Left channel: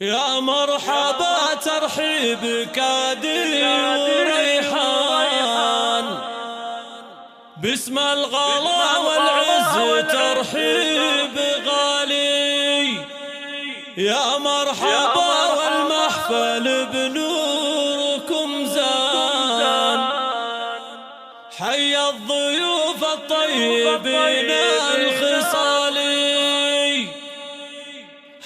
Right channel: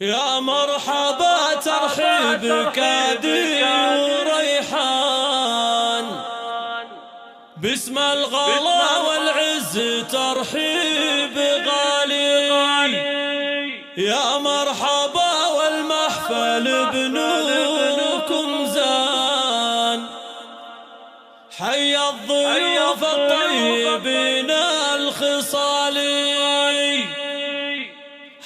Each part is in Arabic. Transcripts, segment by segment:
يا مرحبا ترحيب كادي وريحان، باسم الغلا والعز ترحيب غالي. يا مرحبا والمحفل بنوركم زان، حي الضيوف الطيبين الخصالي،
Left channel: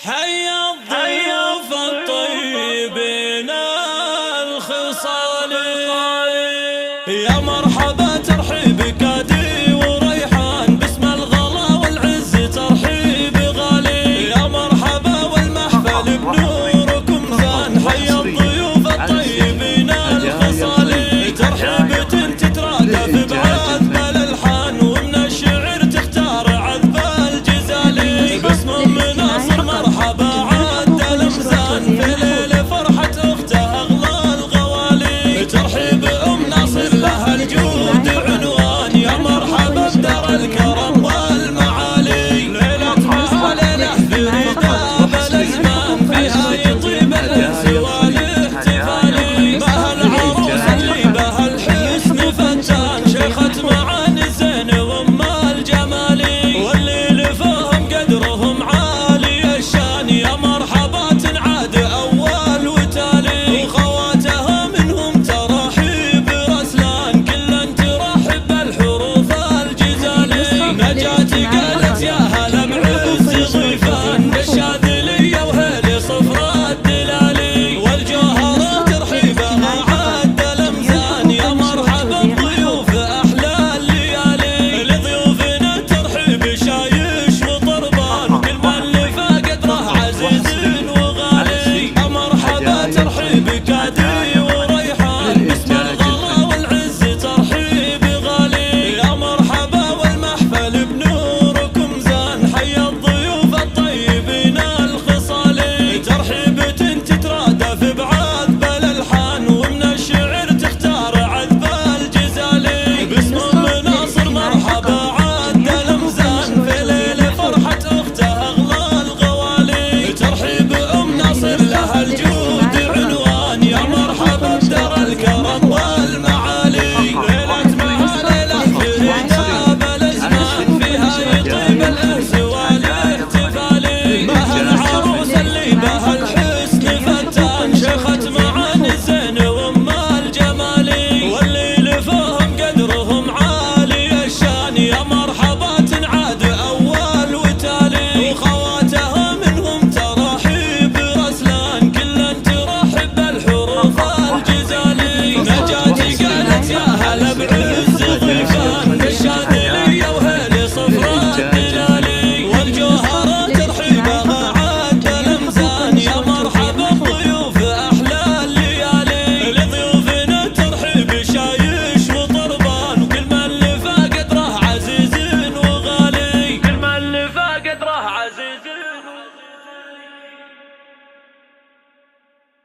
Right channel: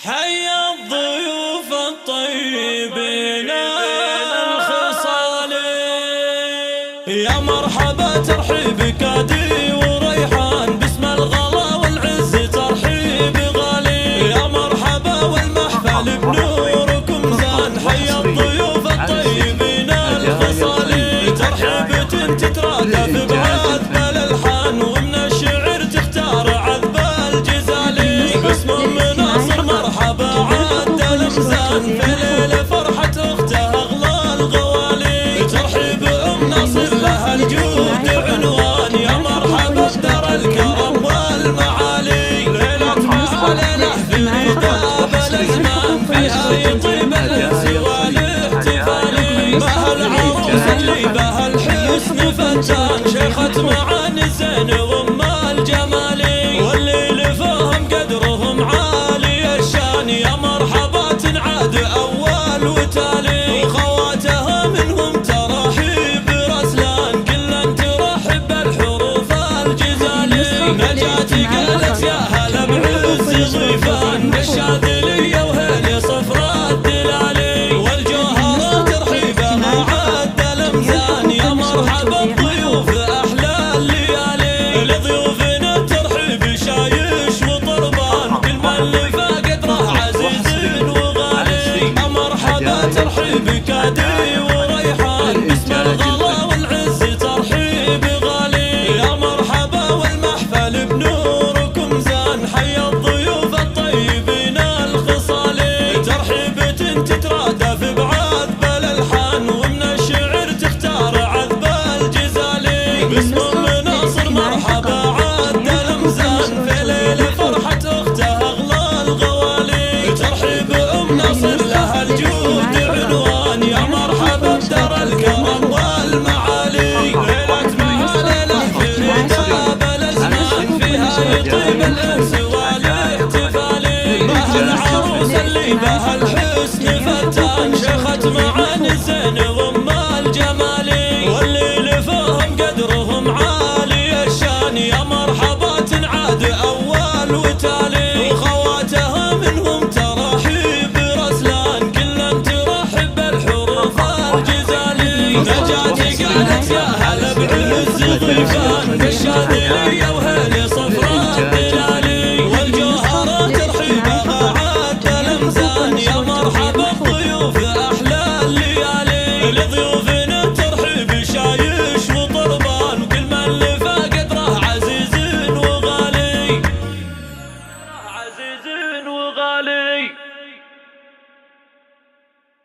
حي الضيوف الطيبين الخصالي. يا مرحبا ترحيب كادي وريحان، باسم الغلا والعز ترحيب غالي. يا مرحبا والمحفل بنوركم زان، حي الضيوف الطيبين الخصالي. ترحيبة تترادف بعذب الالحان، ومن الشعر تختار عذب الجزالي. باسم مناصر مرحبا عد الامزان، في ليل فرحة اخته اغلى الغوالي. ترحيب ام ناصر لها الجود عنوان، يا مرحبا بدار الكرم والمعالي. ليلة مع ليلة فريدة بالازمان، فيها يطيب الانس والاحتفالي. بها العروس اللي بها الحسن فتان، شيخة معاني الزين وام الجمالي. واللي فهم قدرهم عالي الشان، يا مرحبا تنعاد اول وتالي. وخواتها منهم ترحيب رسلان، كلا ترحب بالحروف الجزالي. نجاتي قالت يا هلا بعز ضيفان، بالشاذلية وهيلي صفرا الدلالي. والجوهرة ترحيبها عد الامزان، يا مرحبا بضيوف احلى الليالي. لضيوفنا الترحيب شايش وطربان، كل من قدره عزيز وغالي. يا مرحبا ترحيب كادي وريحان، باسم الغلا والعز ترحيب غالي. يا مرحبا والمحفل بنوركم زان، حي الضيوف الطيبين الخصالي. ترحيبة تترادف بعذب الالحان، ومن الشعر تختار عذب الجزالي. باسم مناصر مرحبا عد الامزان، في ليل فرحة اخته اغلى الغوالي. ترحيب ام ناصر لها الجود عنوان، يا مرحبا بدار الكرم والمعالي. ليلة مع ليلة فريدة بالازمان، فيها يطيب الانس والاحتفالي. بها العروس اللي بها الحسن فتان، شيخة معاني الزين وام الجمالي. واللي فهم قدرهم عالي الشان، يا مرحبا تنعاد اول وتالي. وخواتها منهم ترحيب رسلان، كلا ترحب بالحروف الجزالي. نجاتي قالت يا هلا بعز ضيفان، بالشاذلية